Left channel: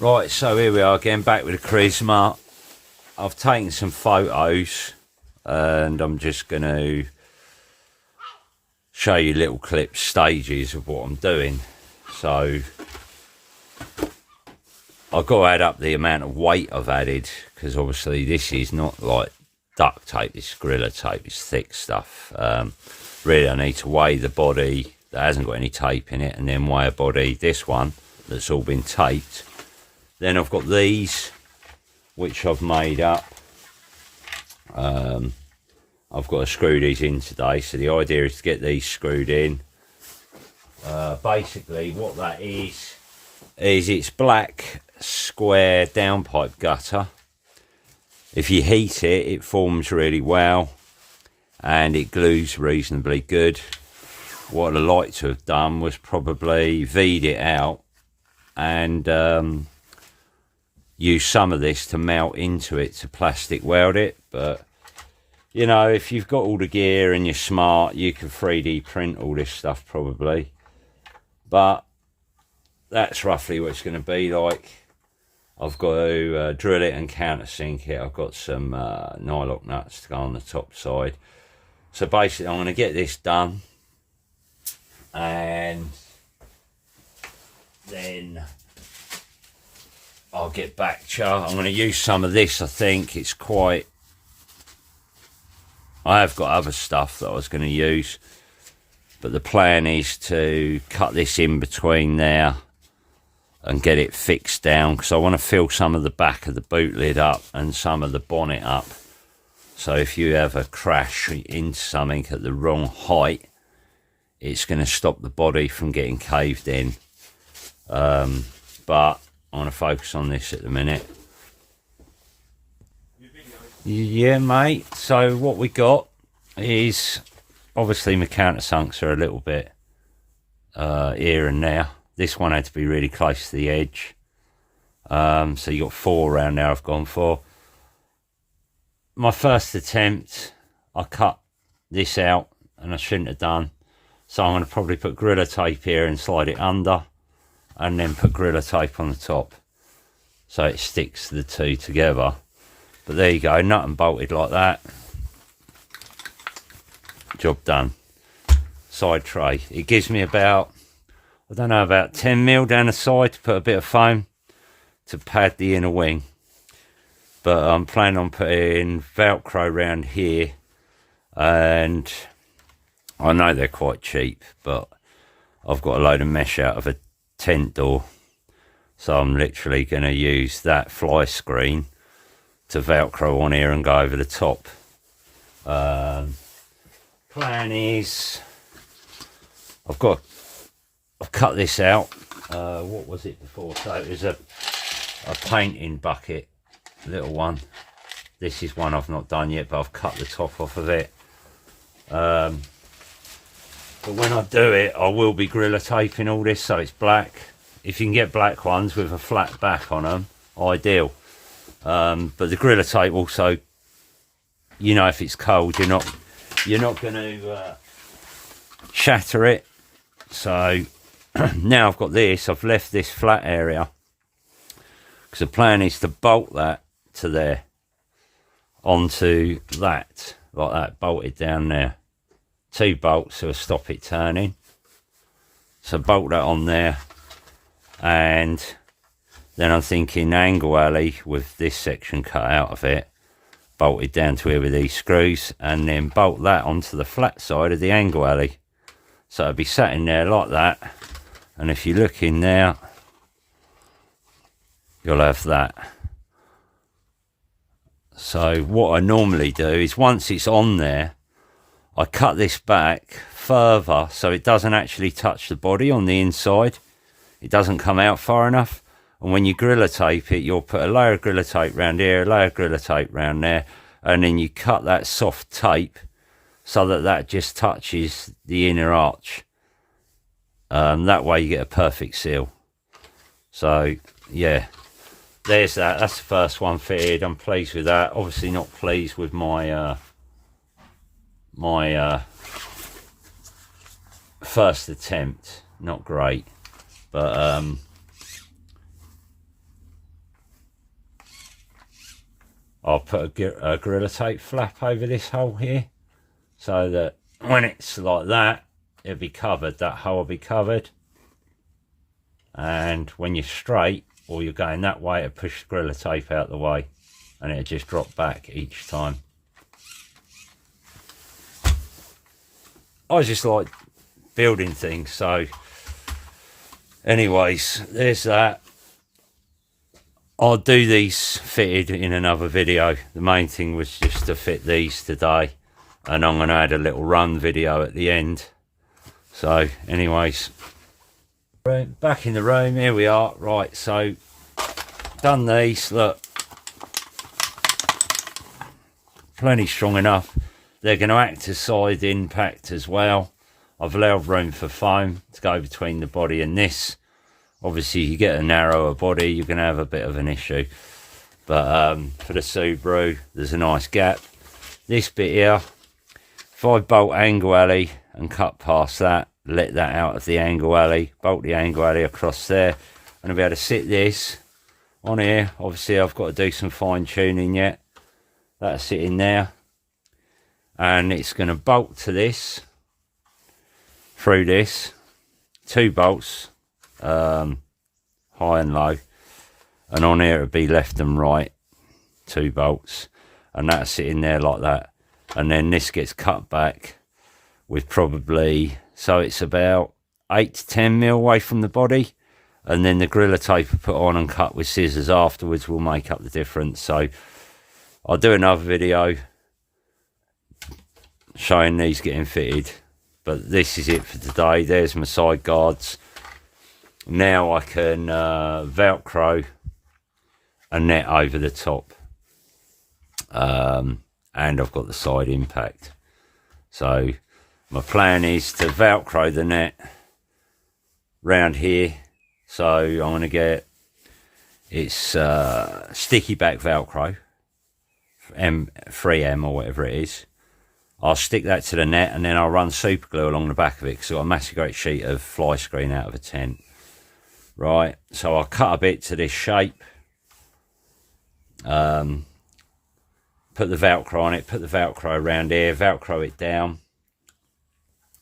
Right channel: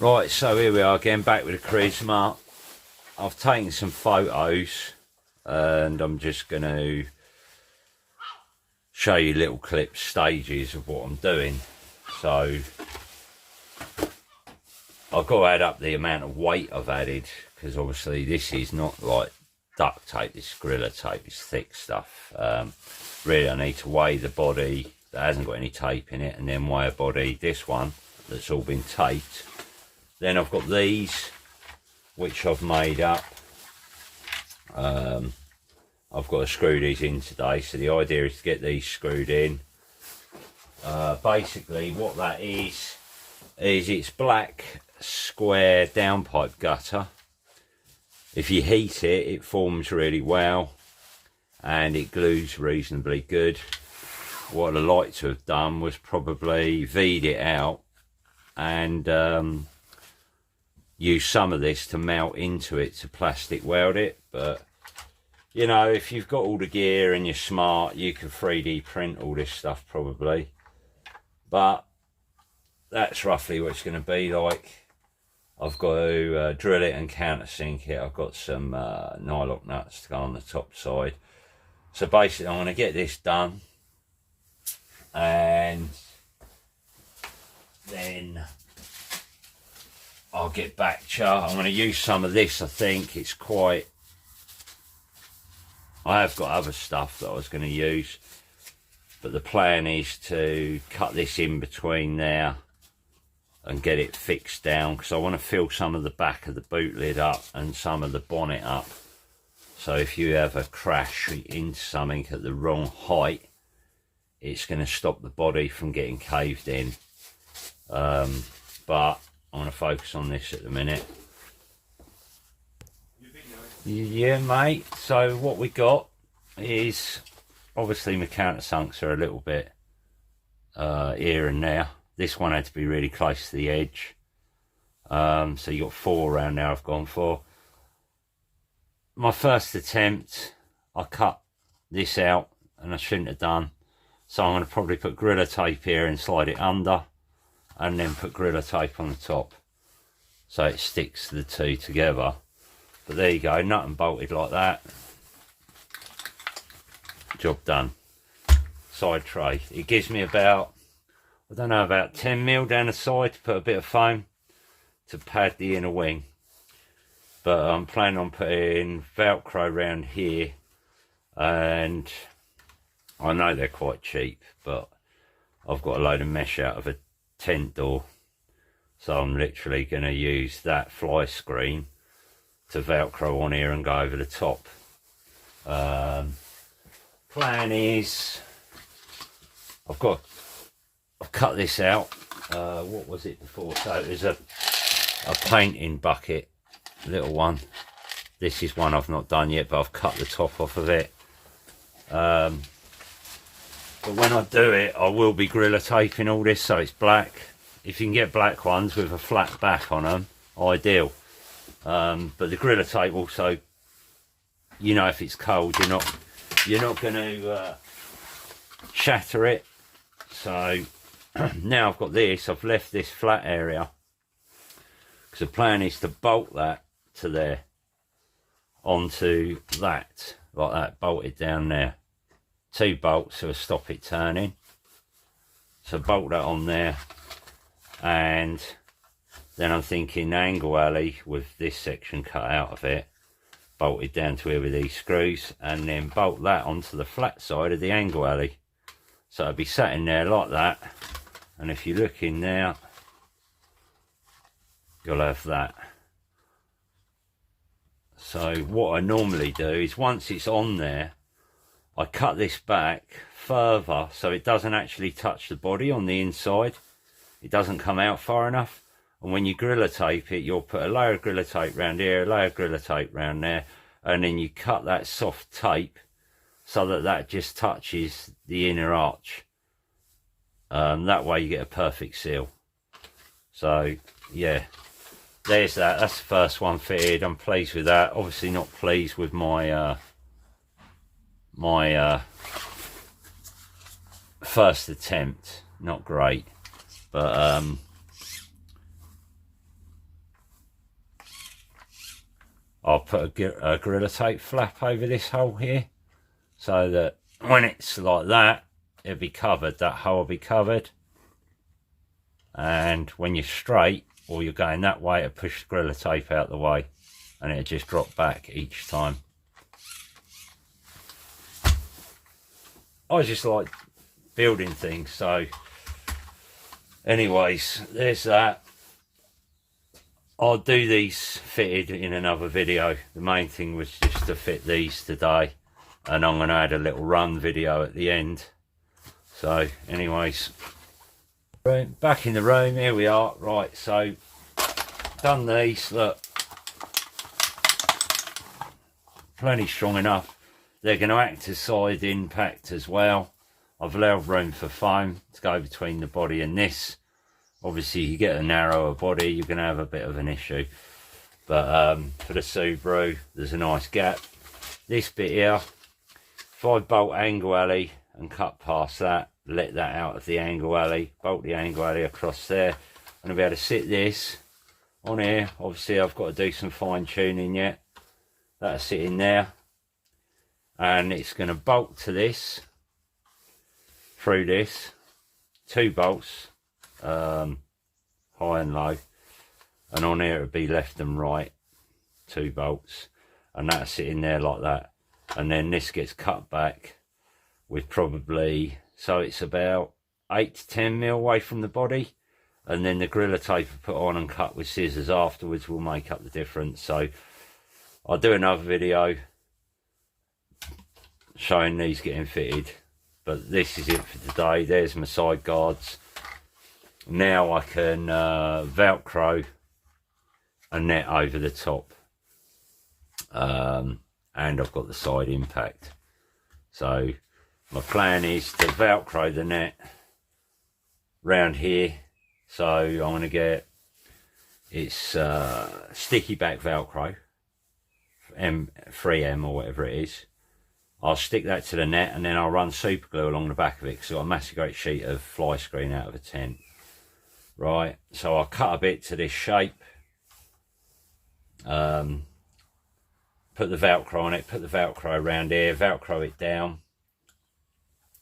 Right, so here we are again, back with the Carisma. I've taken some photos and I'm just going to show you little clips, stages of what I'm doing. So I've got to add up the amount of weight I've added, because obviously this is not like duct tape, this is Gorilla tape, it's thick stuff. Really I need to weigh the body that hasn't got any tape in it, and then weigh a body, this one, that's all been taped. Then I've got these, which I've made up. I've got to screw these in today, so the idea is to get these screwed in. Basically what that is it's black square downpipe gutter. If you heat it, it forms really well and it glues reasonably good. What I'd like to have done was probably V'd it out and use some of this to melt into it, to plastic weld it. But you know, if you've got all the gear and you're smart, you can 3D print all this stuff probably. But that's roughly what it's going to be like. I've got to drill it and countersink it. I've got some nylock nuts to go on the top side. So basically I'm going to get this done and then I'll get back to you. I'm going to use some of this. I think it's quite... I have got other stuff that I was going to use, but the plan is to cut this in between there and get it fixed down, because I want to fill some of the back of the boot lid up and some of the bonnet up. So if you ever crash into something at the wrong height, it's going to stop the body from getting caved in. But I want to focus on this at the minute. Yeah, mate. So what we got is, obviously my countersunks are a little bit here and there. This one had to be really close to the edge. So you got 4 around there I've gone for. My first attempt, I cut this out and I shouldn't have done. So I'm going to probably put Gorilla tape here and slide it under, and then put Gorilla tape on the top so it sticks the two together. But there you go, nut and bolted like that. Job done. Side tray. It gives me about, I don't know, about 10mm down the side to put a bit of foam to pad the inner wing. But I'm planning on putting Velcro around here, and I know they're quite cheap, but I've got a load of mesh out of a tent door, so I'm literally going to use that fly screen to Velcro on here and go over the top. Plan is I've cut this out. What was it before? So it was a painting bucket, little one. This is one I've not done yet, but I've cut the top off of it. But when I do it, I will be Gorilla taping all this so it's black. If you can get black ones with a flat back on them, ideal. But the Gorilla tape also, you know, if it's cold, you're not going to shatter it. So now I've got this, I've left this flat area because the plan is to bolt that to there, onto that, like that, bolted down there. 2 bolts to stop it turning. So bolt that on there, and then I'm thinking angle alley with this section cut out of it, bolted down to here with these screws, and then bolt that onto the flat side of the angle alley. So it'll be sat in there like that, and if you look in there, you'll have that. So what I normally do is, once it's on there, I cut this back further so it doesn't actually touch the body on the inside. It doesn't come out far enough. And when you Gorilla tape it, you'll put a layer of Gorilla tape round here, a layer of Gorilla tape round there, and then you cut that soft tape so that that just touches the inner arch. That way you get a perfect seal. So yeah, there's that. That's the first one fitted. I'm pleased with that. Obviously not pleased with my first attempt. Not great, but I'll put a Gorilla Tape flap over this hole here, so that when it's like that, it'll be covered, that hole will be covered. And when you're straight, or you're going that way, to push the Gorilla Tape out the way, and it'll just drop back each time. I just like building things, so anyways, there's that. I'll do these fitted in another video. The main thing was just to fit these today, and I'm going to add a little run video at the end. So anyways, back in the room, here we are. Right, so done these, look, plenty strong enough. They're going to act as side impact as well. I've allowed room for foam to go between the body and this. Obviously, you get a narrower body, you're going to have a bit of an issue. But for the Subaru, there's a nice gap. This bit here, 5-bolt angle alley, and cut past that, let that out of the angle alley, bolt the angle alley across there. And I'll be able to sit this on here. Obviously, I've got to do some fine tuning yet. That'll sit in there. And it's going to bolt to this, through this, 2 bolts, high and low, and on here it'll be left and right, 2 bolts, and that'll sit in there like that. And then this gets cut back with probably, so it's about 8 to 10 mil away from the body, and then the Gorilla Tape will put on and cut with scissors afterwards will make up the difference. So I'll do another video showing these getting fitted, but this is it for today. There's my side guards. Now I can velcro a net over the top, and I've got the side impact. So my plan is to velcro the net round here. So I'm going to get, it's sticky back velcro, 3M or whatever it is. I'll stick that to the net, and then I'll run super glue along the back of it, because I've got a massive great sheet of fly screen out of a tent. Right, so I'll cut a bit to this shape, put the Velcro on it, put the Velcro around here, Velcro it down.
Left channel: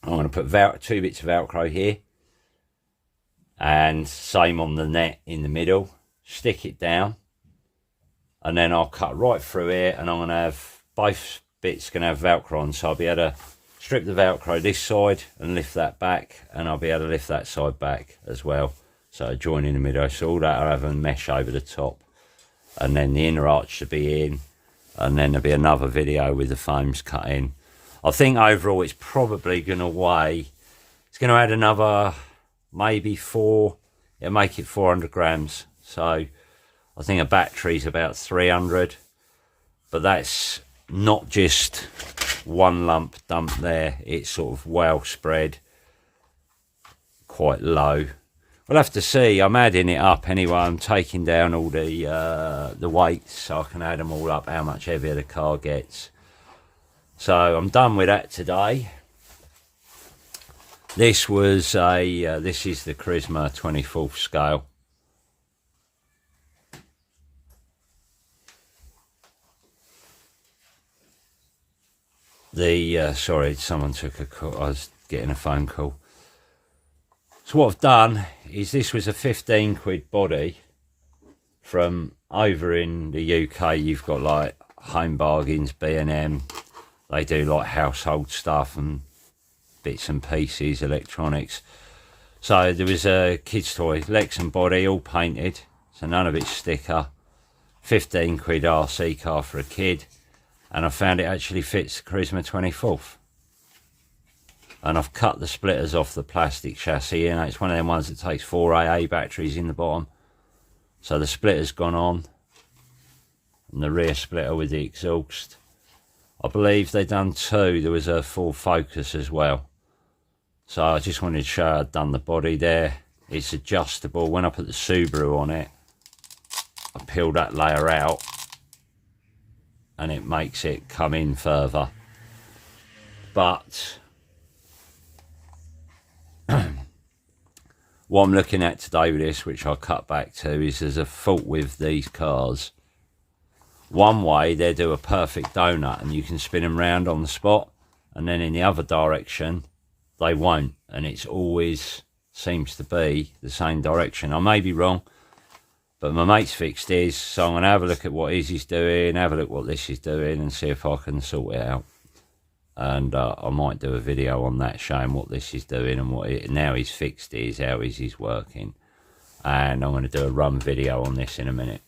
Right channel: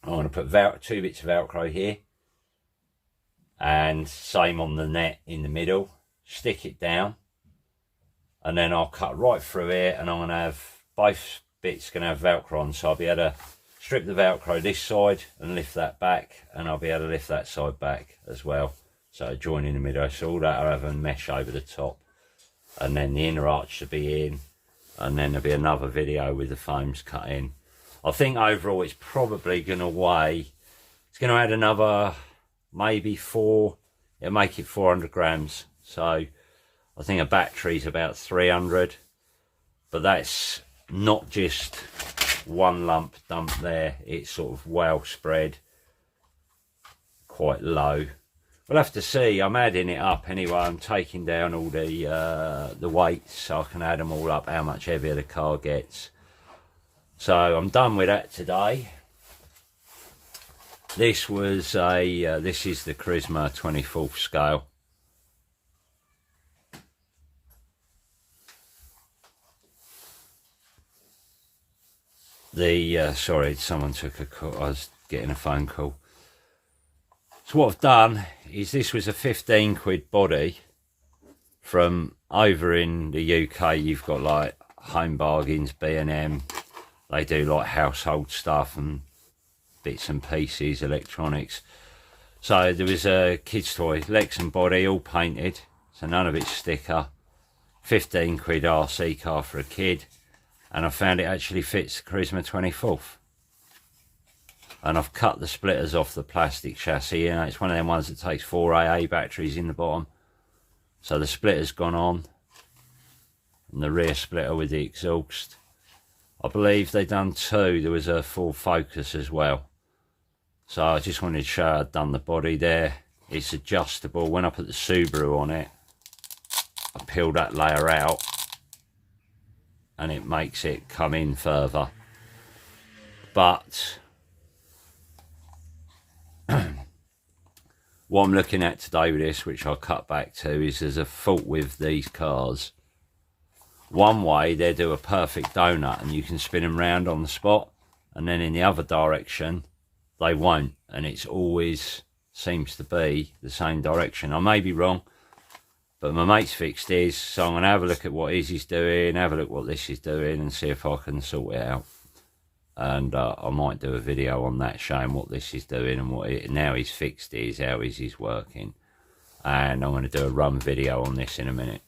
I'm going to put 2 bits of Velcro here, and same on the net in the middle, stick it down, and then I'll cut right through here, and I'm going to have both bits going to have Velcro on, so I'll be able to strip the Velcro this side and lift that back, and I'll be able to lift that side back as well, so join in the middle. So all that I'll have a mesh over the top, and then the inner arch should be in, and then there'll be another video with the foams cut in. I think overall it's probably going to weigh, it's going to add another maybe 4, it'll make it 400 grams. So I think a battery's about 300, but that's not just one lump dump there, it's sort of well spread, quite low. We'll have to see. I'm adding it up anyway. I'm taking down all the weights so I can add them all up, how much heavier the car gets. So I'm done with that today. This was a this is the Carisma 24th scale. Sorry, someone took a call. I was getting a phone call. So what I've done is, this was a 15 quid body from over in the UK. You've got like Home Bargains, B&M. They do like household stuff and bits and pieces, electronics. So there was a kid's toy, legs and body, all painted. So none of it's sticker. 15 quid RC car for a kid. And I found it actually fits the Carisma 24th. And I've cut the splitters off the plastic chassis, and it's one of them ones that takes 4 AA batteries in the bottom. So the splitter's gone on, and the rear splitter with the exhaust. I believe they've done 2. There was a full focus as well. So I just wanted to show I'd done the body there. It's adjustable. When I put the Subaru on it, I peel that layer out, and it makes it come in further. But what I'm looking at today with this, which I'll cut back to, is there's a fault with these cars. one way they do a perfect donut and you can spin them round on the spot, and then in the other direction they won't, and it's always seems to be the same direction. I may be wrong, but my mate's fixed his, so I'm going to have a look at what he's doing, have a look what this is doing, and see if I can sort it out. And I might do a video on that, showing what this is doing and what now he's fixed his, how he's working. And I'm going to do a run video on this in a minute.